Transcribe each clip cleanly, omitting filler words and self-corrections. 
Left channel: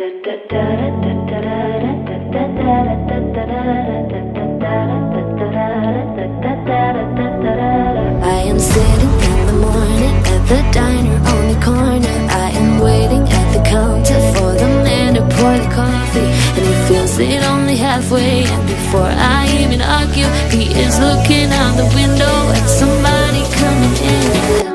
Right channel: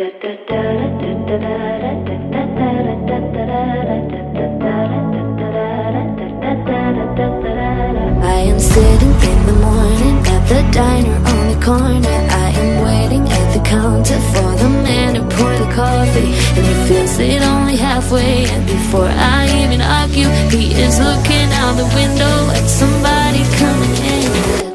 I am sitting in the morning at the diner on the corner. I am waiting at the counter for the man to pour the coffee, and he fills it only halfway. And before I even argue, he is looking out the window at somebody coming in.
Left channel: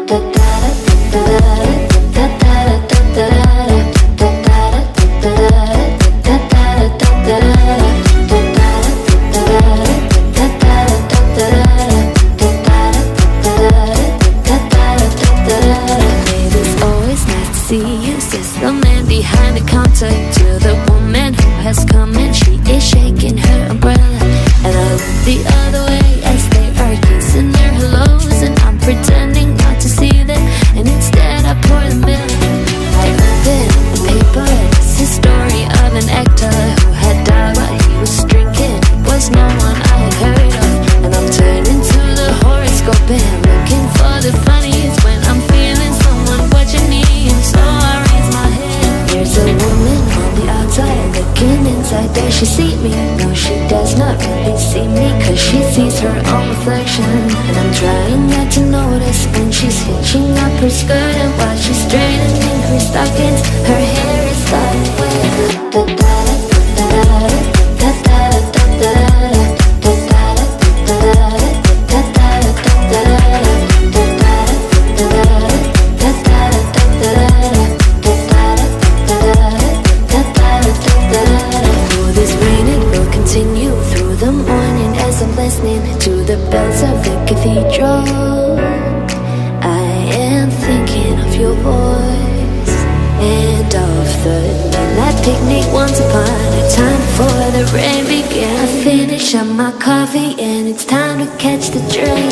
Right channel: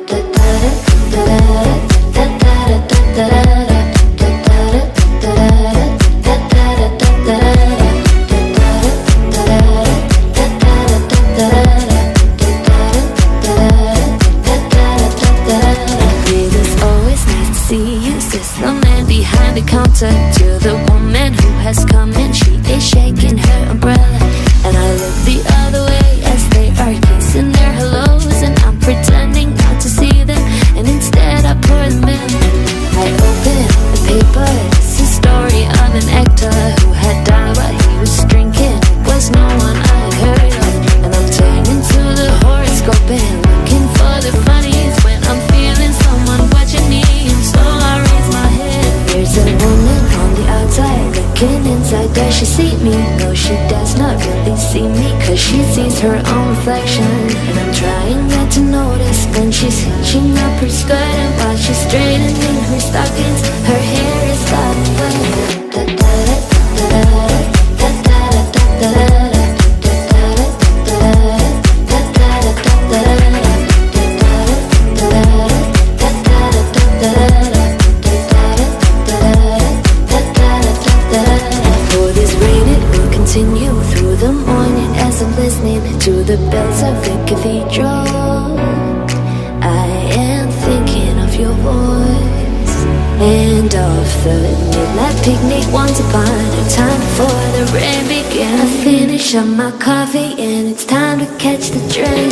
The man behind the counter to the woman who has come in. She is shaking her umbrella, and I look the other way as they are kissing their hellos, and I'm pretending not to see them, and instead I pour the milk. I open the paper. It's the story of an actor who had died while he was drinking. It was no one I had heard of, and I'm turning to the horoscope and looking for the funnies when I'm feeling someone watching me, and so I raise my head. There's a woman on the outside looking inside. Does she see me? No, she does not really see me, cause she sees her own reflection. And I'm trying not to notice when she's hitching up her skirt, and while she's straightening her stockings, her hair is gotten wet. Continue through the morning as I'm listening to the bells of the cathedral. I am thinking of your voice and of the midnight picnic once upon a time before the rain began. I finish up my coffee and it's time to catch the train.